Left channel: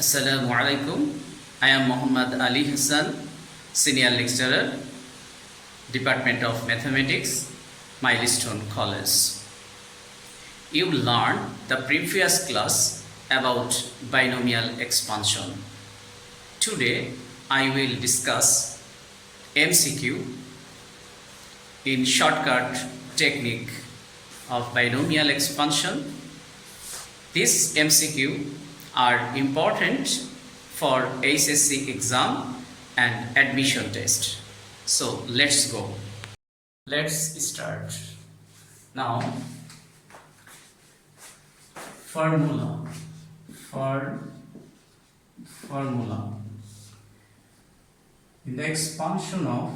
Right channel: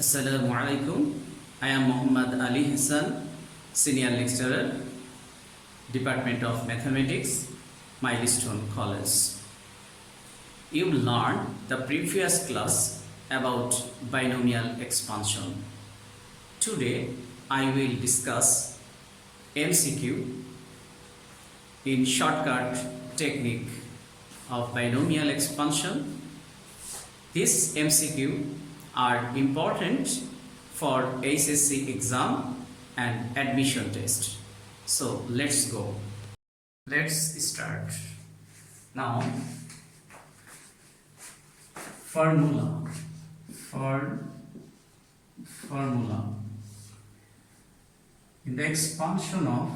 Assalamu alaikum. I am Muhammad Ali Hassan, Senior Lecturer, Department of Mathematics, Milestone College. You learned the previous class about binomial expansion. Today I will discuss MCQ in shortcut technique of binomial expansion. This MCQ are important for HSC exam and admission test. So let's go. Let's start. Now formula in the expansion of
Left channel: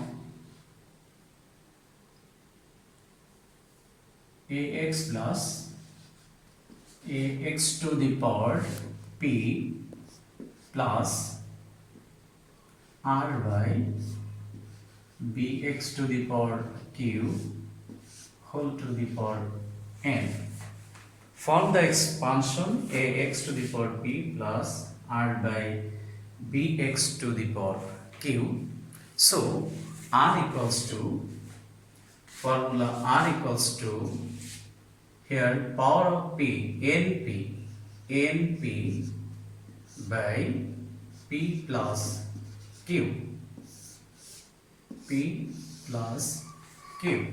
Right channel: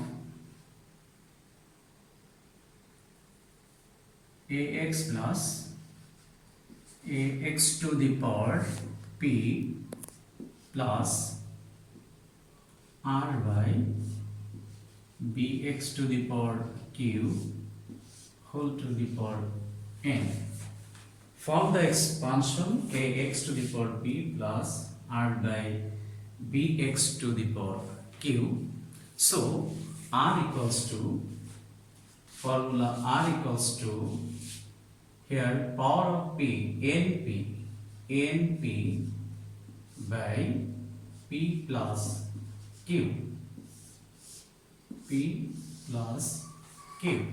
ax plus ax to the power p plus r by bx to the power q whole to the power n. Form the expansion ax to the power p plus r by bx to the power q. So r equals to, formula r equals to, here power of p, np by p plus q, p plus q.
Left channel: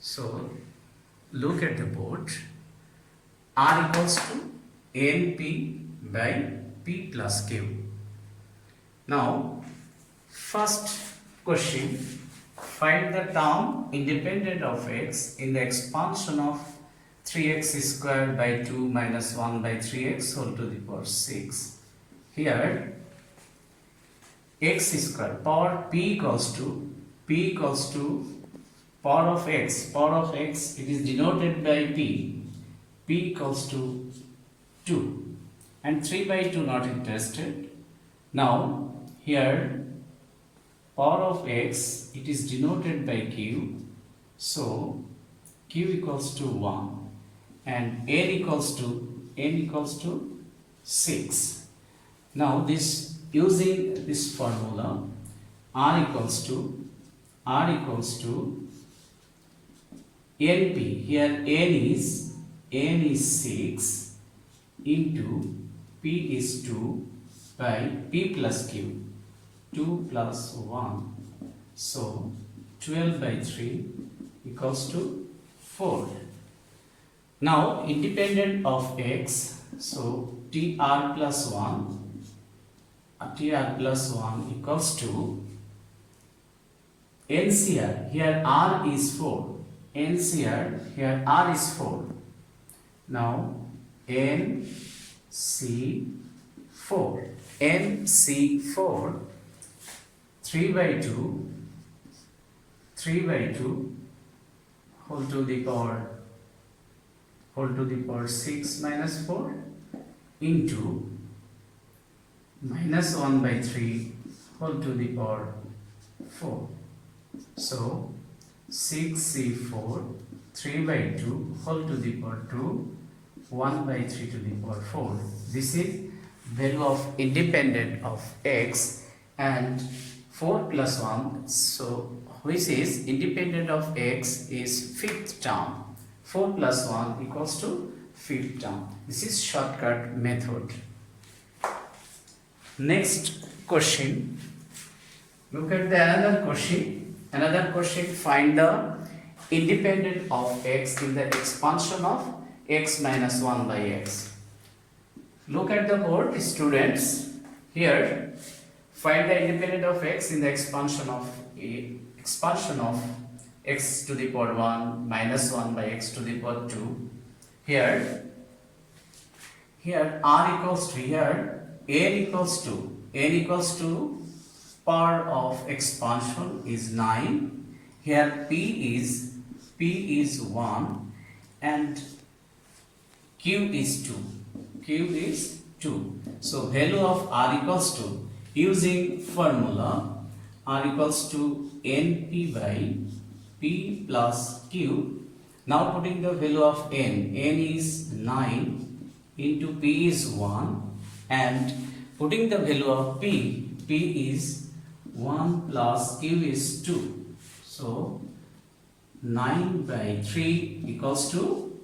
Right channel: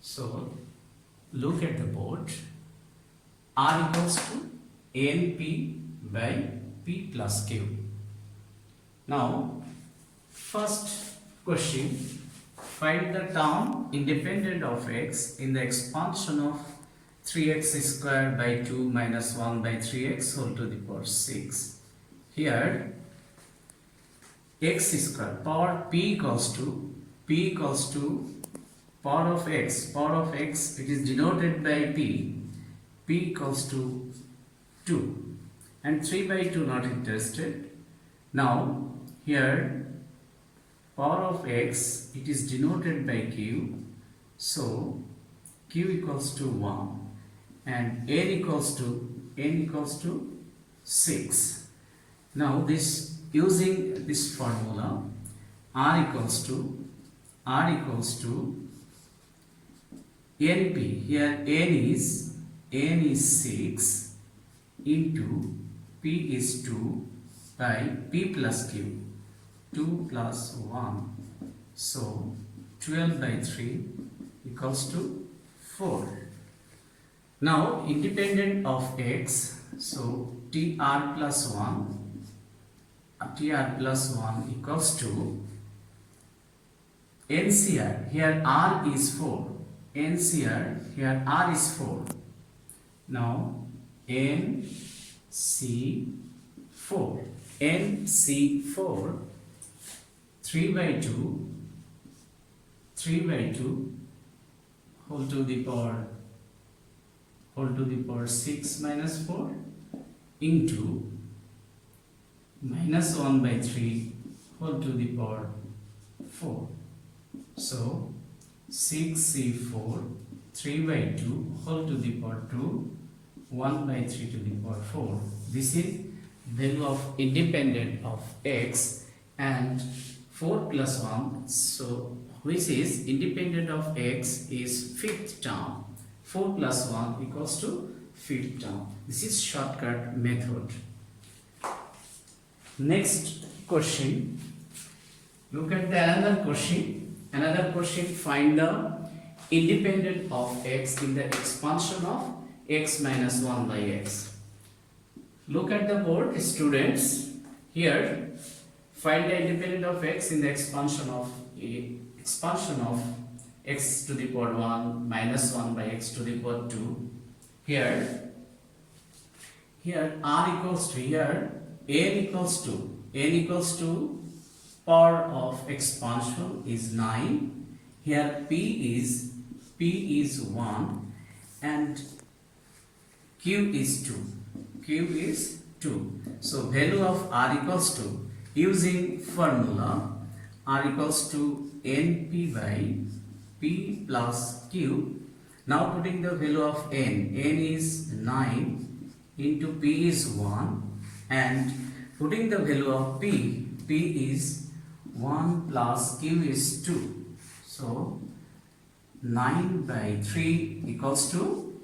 So look at the board. R equals to np by p plus q. Now first question, find the term independent of x in the expansion of 3x square by 2 minus 1 by 3x whole to the power 6. Here x square power p equals to power of x it is denoted by p equals to 2 and 3 by 2 not interested. Now here power of x it is denoted by q, so q equals to 1 and n equals to 6. Now this, using this formula, r equals to np, here n is 6 into p is 2 by p plus q, 2 plus 1, so 12 by 3 equals to 4. Now independent of x, so tr plus 1 equals to NCR, here r is 4, NCR, here r is 4. Now NC4 3 by 2 whole to the power 6 minus 4 into minus 1 by 3 whole to the power 4. So 6c4 3 by 2 whole to the power 2 1 by 3 to the power 4. This is value of independent of x, and 4 plus 1, so which is independent of x is fifth term. 4 plus 1 equals to fifth term. This is shortcut method. Next question, look at the another question. Find the independent of x in the expansion of x minus 1 by x. Look at the board, students. Here find the independent of x in the expansion of x to the power 1 minus 1 by x to the power 2. Here r equals to, here n equals to power of expansion is 9. Here p is 1 and q is 2. So value of r equals to, using formula, r equals to np by p plus q. Now putting the value of n is 9 into p is 1 and putting the value of p is 1 plus q is 2. So 9 by 3 equals to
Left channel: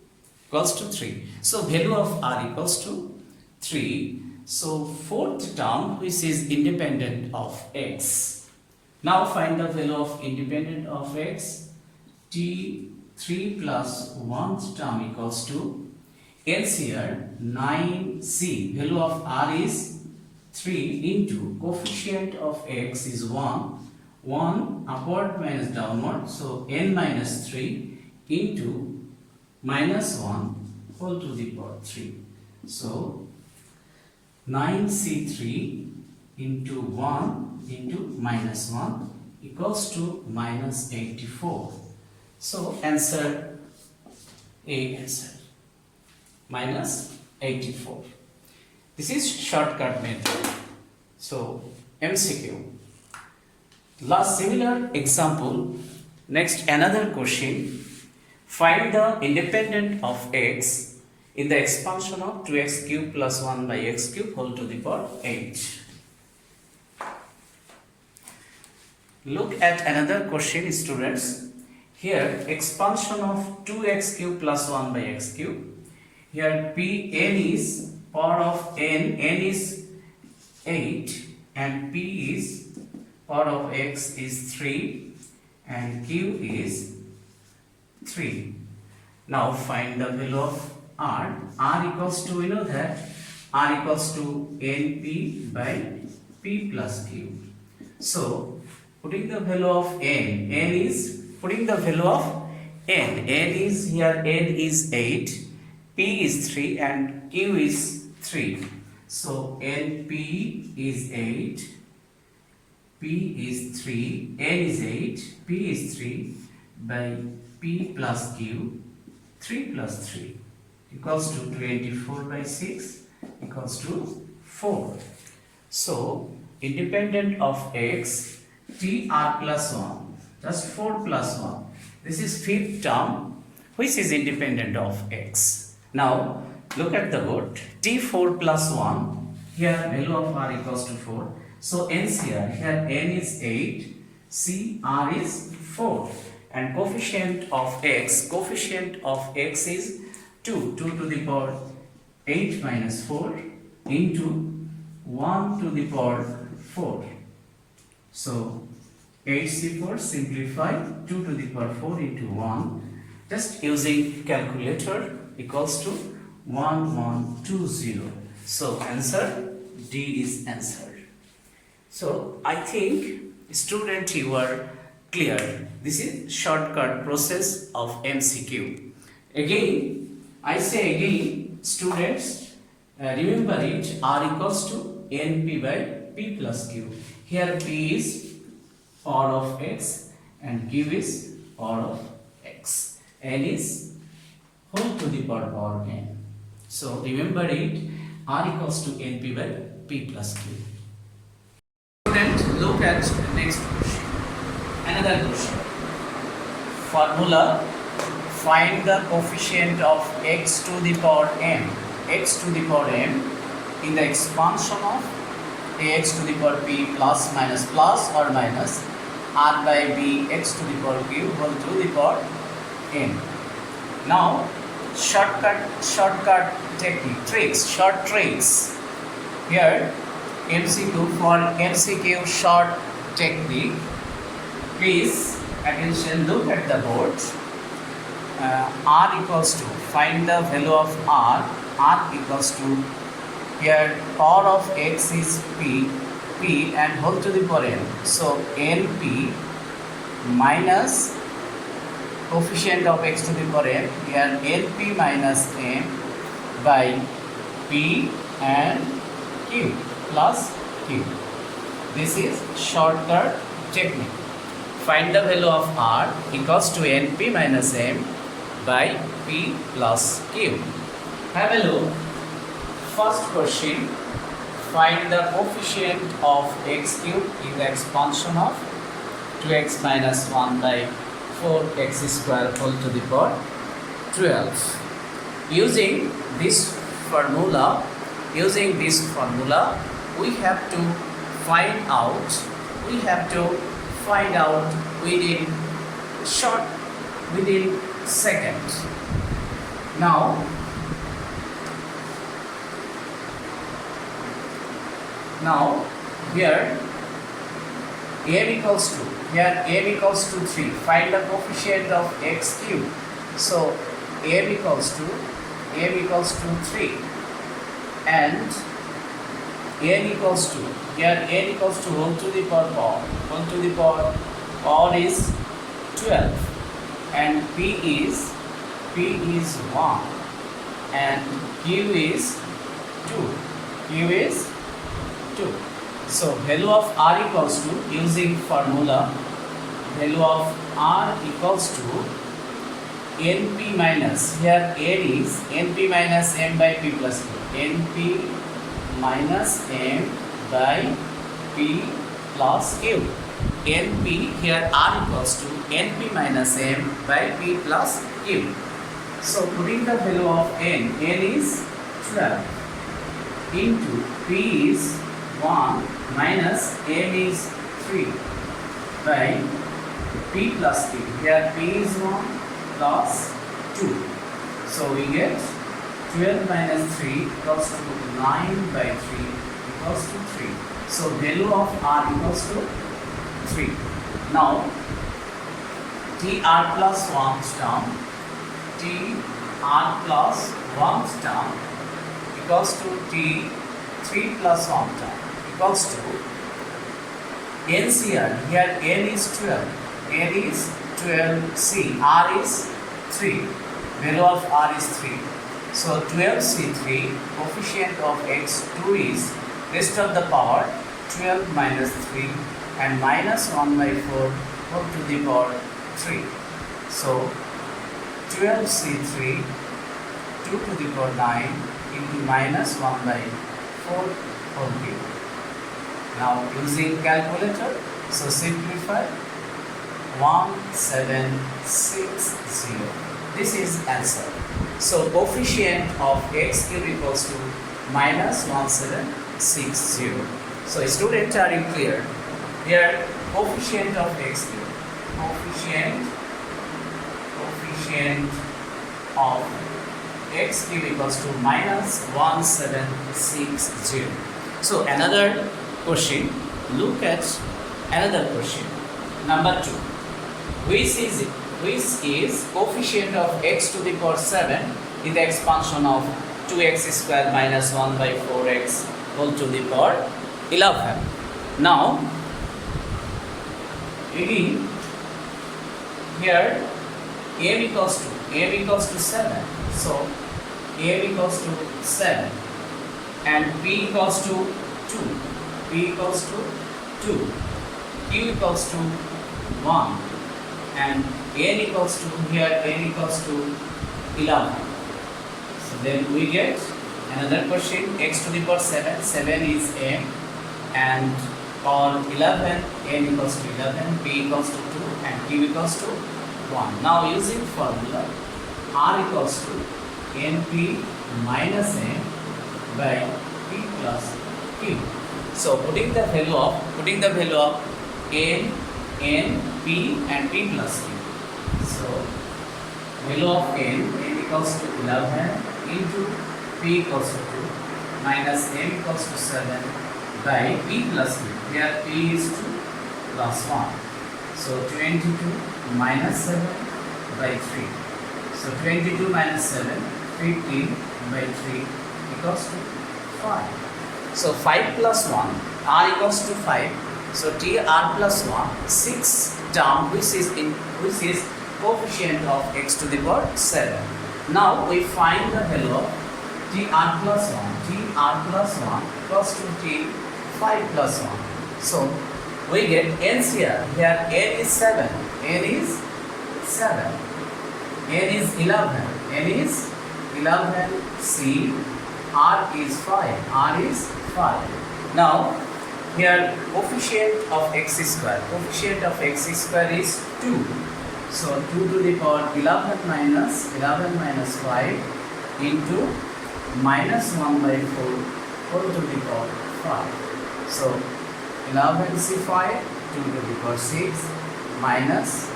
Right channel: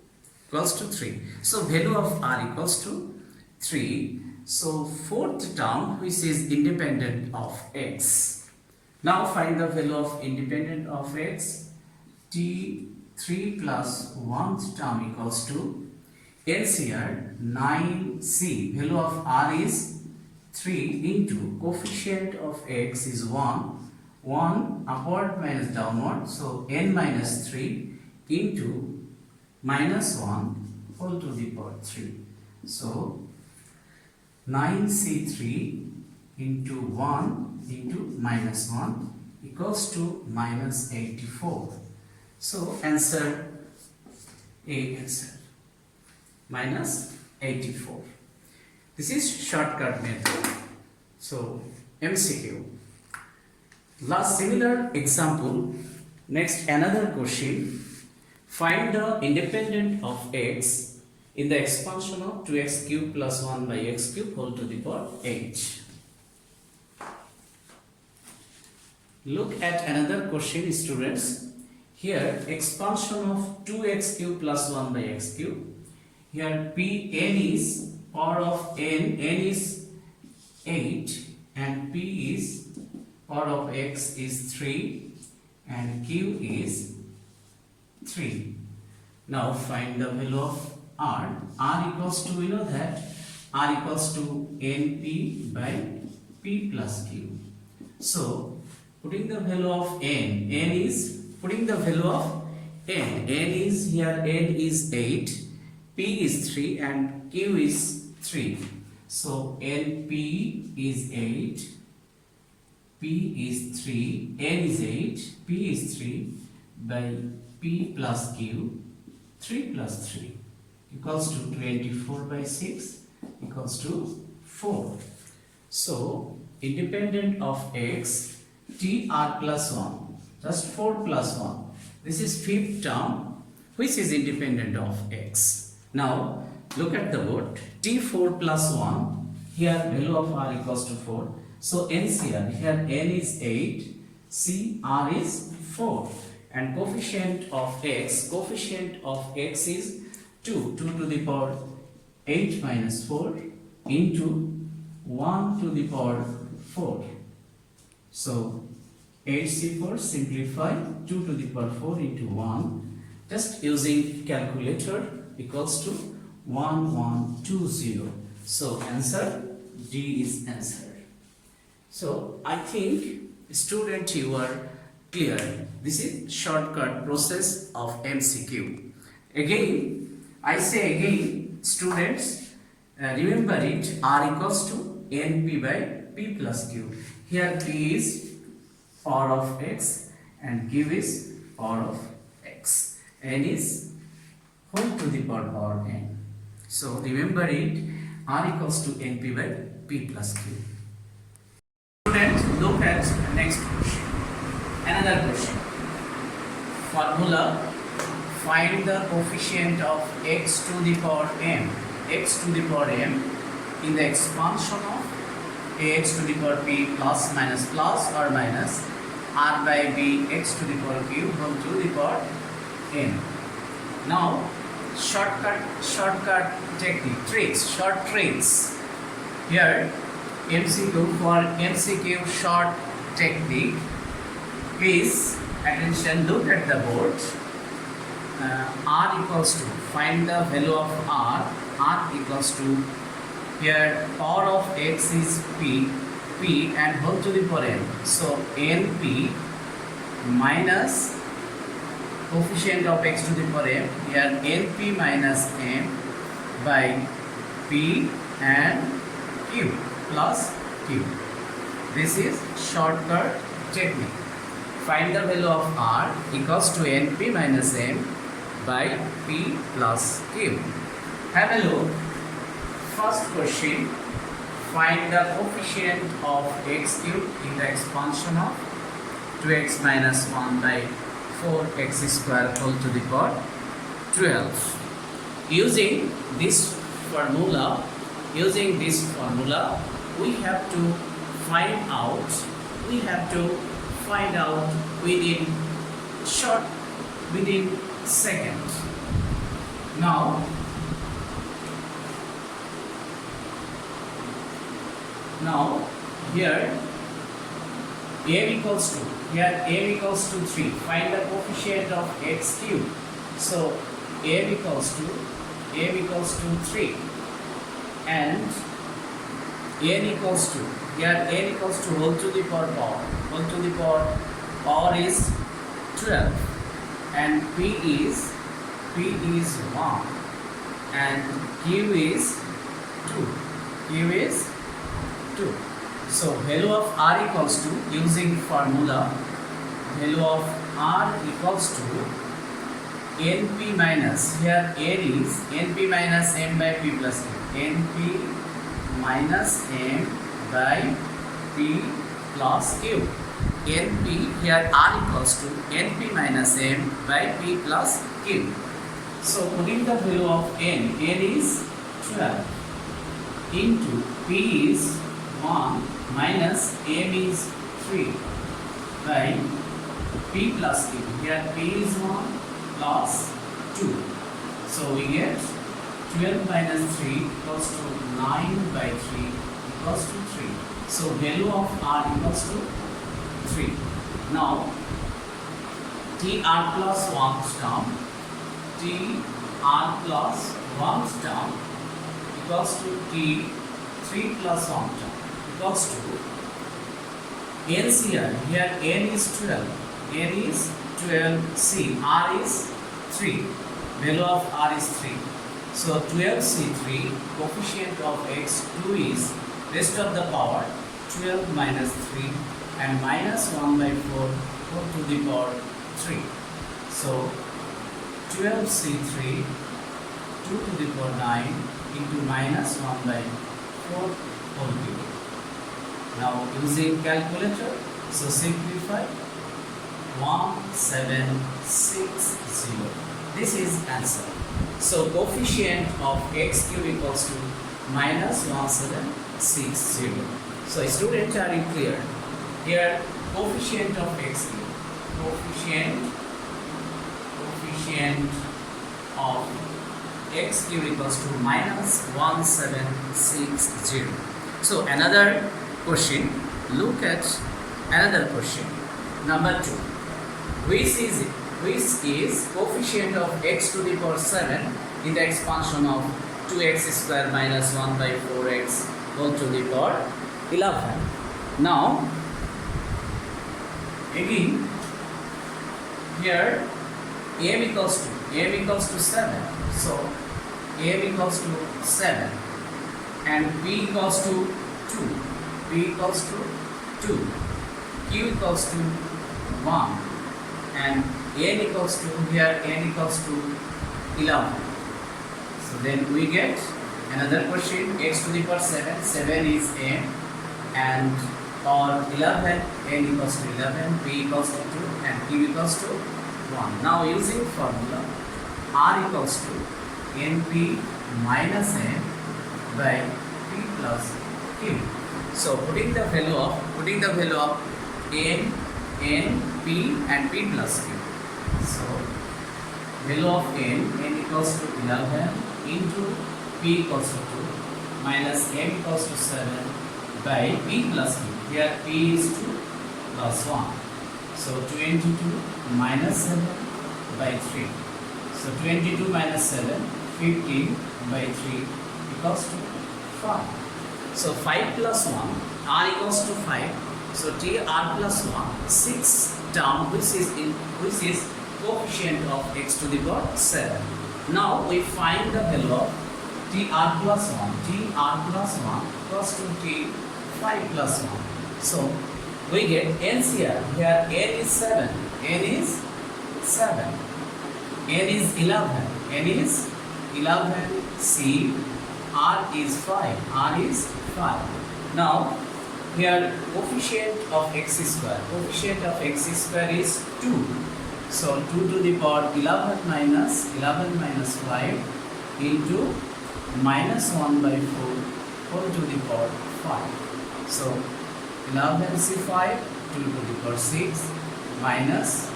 3. So value of r equals to 3. So fourth term, which is independent of x. Now find the value of independent of x. T3 plus 1th term equals to, else here 9c, value of r is 3 into coefficient of x is 1 upward minus downward, so n minus 3 into minus 1 whole to the power 3. So 9c3 into 1 into minus 1 equals to minus 84. So answer A, answer minus 84. This is shortcut method. So MCQ. Last similar example. Next another question. Find the independent of x in the expansion of 2x cube plus 1 by x cube whole to the power 8. Look at another question, students. Here expansion of 2x cube plus 1 by x cube. Here n is power of n is 8 and p is power of x is 3 and q is 3. Now find the value of r. R equals to, we know that r equals to np by p plus q. So putting the value of n is putting the value of n is here, n is 8, p is 3 and q is 3. So np is 8, p is 3, n is 8, p is 3 by p plus q, 3 plus 3 equals to 24 by 6 equals to 4. So independent of x, tr plus 1, just 4 plus 1. This is fifth term which is independent of x. Now look at the board. T4 plus 1, here value of r equals to 4. So NCR, here n is 8, CR is 4 and coefficient of x is 2 to the power 8 minus 4 into 1 to the power 4. So 8c4 simplify 2 to the power 4 into 1, just using calculator equals to 1120. So answer D is answered. So I think student, you are clear. This is shortcut process of MCQ. Again, I say again, students, remember it, r equals to np by p plus q. Here p is power of x and q is power of x. N is whole to the power n. So remember it, r equals to np by p plus q. Student, look at the next question. Another question. Formula: find the coefficient of x to the power m in the expansion of ax to the power p plus or minus r by b x to the power q whole to the power n. Now shortcut technique, short tricks. Here MCQ, for MCQ short technique, please attention, look at the board. R equals to, find the value of r equals to, here power of x is p and whole to the power n. So np minus coefficient of x to the power m, here np minus m by p and q plus q. This is shortcut technique. Find the value of r equals to np minus m by p plus q. Have a look. First question. Find the coefficient of x cube in the expansion of 2x minus 1 by 4x square whole to the power 12. Using this formula, using this formula, we have to find out within seconds. Now here m equals to 3. Find the coefficient of x cube. So m equals to 3 and n equals to whole to the power is 12 and p is 1 and q is 2. So value of r equals to, using formula, value of r equals to np minus, here n is np minus m by p plus q, np minus m by p plus q. np, here r equals to np minus m by p plus q. So putting the value of n is 12 into p is 1 minus m is 3 by p plus q. Here p is 1 plus 2. So we get 12 minus 3 equals to 9 by 3 equals to 3. So value of r equals to 3. Now tr plus 1 term equals to t3 plus 1 term equals to NCR. Here n is 12, c, r is 3, value of r is 3. So 12c3, coefficient of x2 is rest of the power 12 minus 3 and minus 1 by 4 whole to the power 3. So 12c3 2 to the power 9 into minus 1 by 4 whole cube. Now using calculator, so simplify 1760. This is answer. So coefficient of x cube equals to minus 1760. So students, are you clear? Here coefficient of x cube, coefficient of x cube equals to minus 1760. So another question, look at another question. Number 2. Which is coefficient of x to the power 7 in the expansion of 2x square minus 1 by 4x whole to the power 11. Now again here m equals to 7. So m equals to 7 and p equals to 2. P equals to 2, q equals to 1 and n equals to, here n equals to 11. So then we get another question, x to the power 7 is m and power 11, n equals to 11, p equals to 2 and q equals to 1. Now using formula, r equals to np minus m by p plus q. So putting the value of n, p and p plus q. So value of n equals to 11 into p equals to 2 minus m equals to 7 by p plus q. Here p is 2 plus 1. So 22 minus 7 by 3. So 22 minus 7, 15 by 3 equals to 5. So 5 plus 1, r equals to 5. So tr plus 1, 6 term which is coefficient of x to the power 7. Now we find the value of tr plus 1. tr plus 1 equals to t5 plus 1. So we get NCR. Here n is 7, n is 7, n is 11, n is 11, c, r is 5. Now here coefficient of x square is 2. So 2 to the power 11 minus 5 into minus 1 by 4 whole to the power 5. So 11c5 2 to the power 6 minus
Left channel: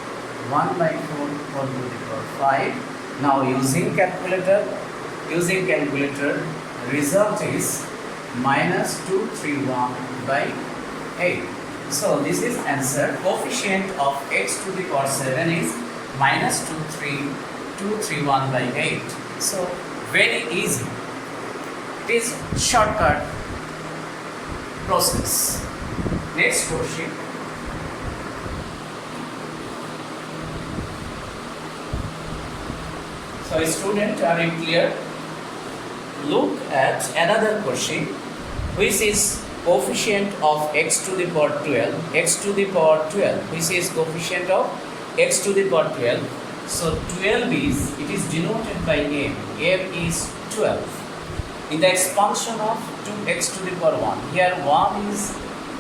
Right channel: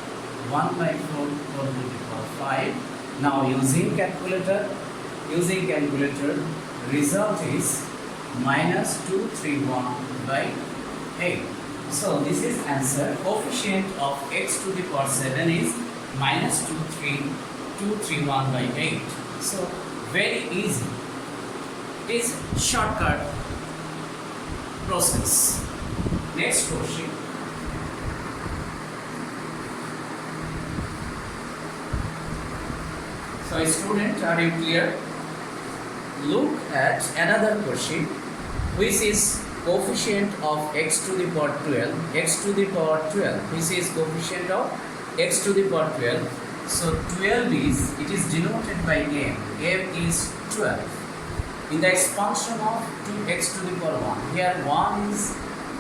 1 by 4 whole to the power 5. Now using calculator, result is minus 231 by 8. So this is answer. Coefficient of x to the power 7 is minus 231 by 8. So very easy. It is shortcut process. Next question. So student, are you clear? Look at another question, which is coefficient of x to the power 12, which is coefficient of x to the power 12. So 12 is, it is denoted by m is 12. In the expansion of 2x to the power 1, here 1 is,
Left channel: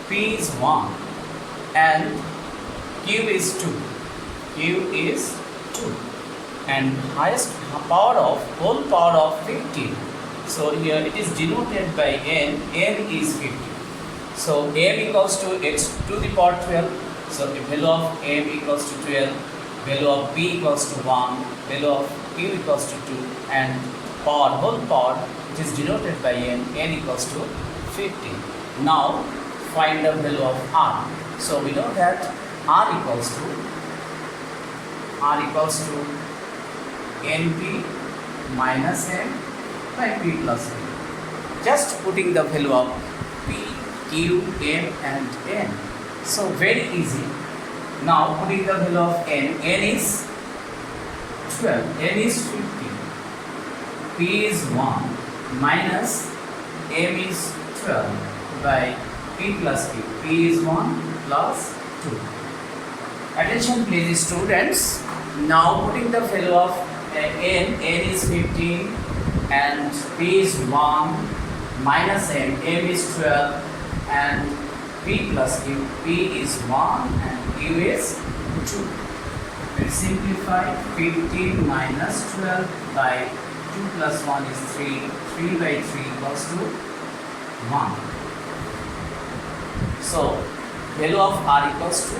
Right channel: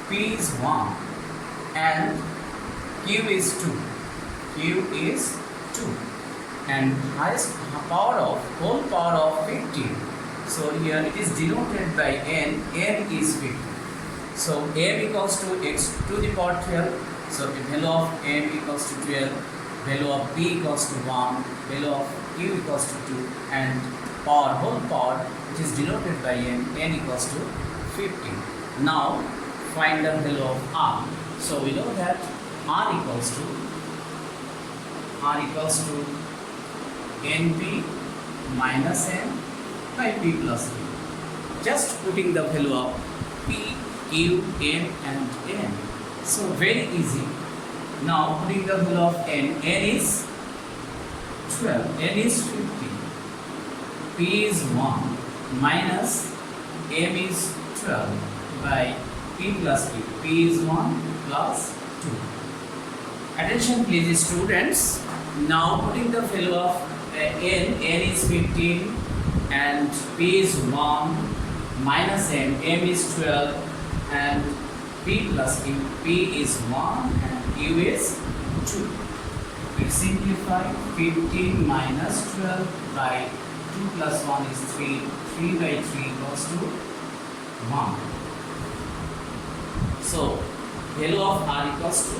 p is 1 and q is 2, and highest power of, whole power of 15. So here it is denoted by n is 50. So m equals to x to the power 12. So the value of m equals to 12, value of p equals to 1, value of q equals to 2, and power, whole power, which is denoted by n equals to 50. Now find the value of r. So we know that r equals to np minus n by p plus q. Just putting the value of p, q, m and n. So very easy. Now putting the value of n is 12, n is 50, p is 1 minus m is 12 by p plus q. P is 1 plus 2. Attention please students. Now putting the value of n is 15 and p is 1 minus m is 12 and p plus q, p is 1 and q is 2. We simplify 15 minus 12 by 2 plus 1 is 3, 3 by 3 equals to 1. So value of r equals to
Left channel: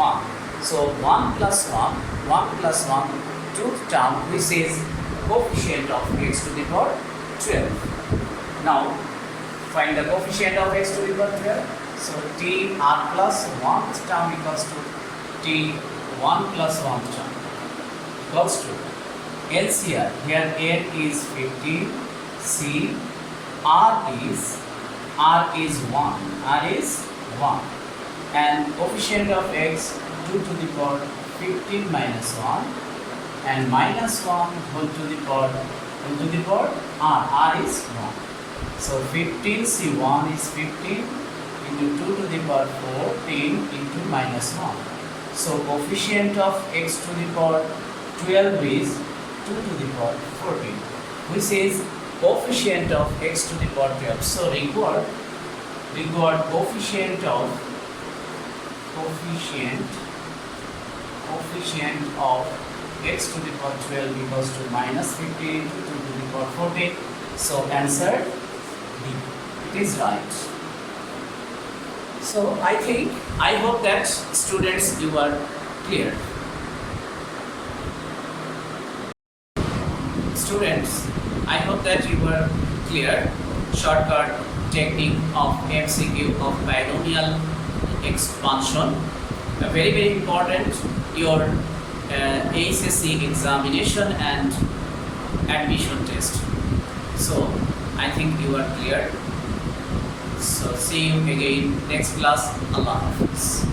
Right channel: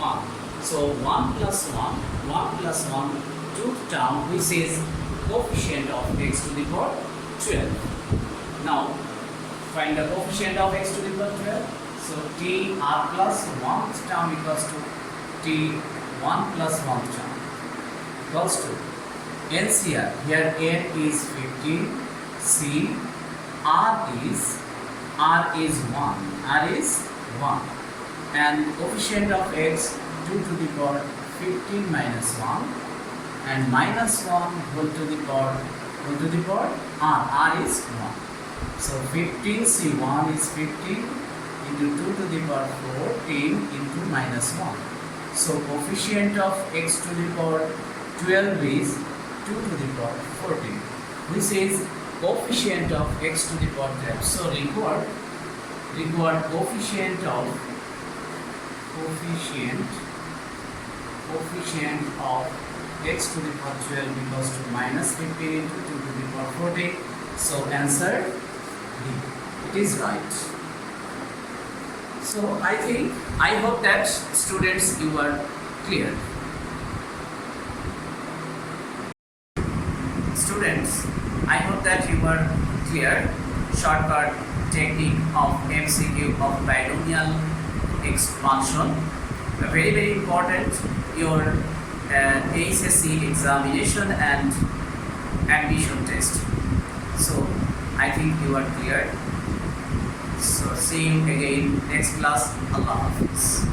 1. So 1 plus 1, 2 term, which is coefficient of x to the power 12. Now find the coefficient of x to the power 12. So t r plus 1th term equals to t 1 plus 1th term equals to LCR. Here n is 15, c r is 1, and coefficient of x 2 to the power 15 minus 1 and minus 1 whole to the power r is 1. So 15c1 is 15 into 2 to the power 14 into minus 1. So coefficient of x to the power 12 is 2 to the power 14, which is coefficient of x to the power 12. So record coefficient of x to the power 12 equals to minus 15 into 2 to the power 14. So answer D. It is right. So I hope that students, you are clear. Students, I hope that you are clear. Shortcut technique of MCQ of binomial expansion. Very, very important, your HSC examination and admission test. So I think you are clear. So see you again next class. Allah Hafiz.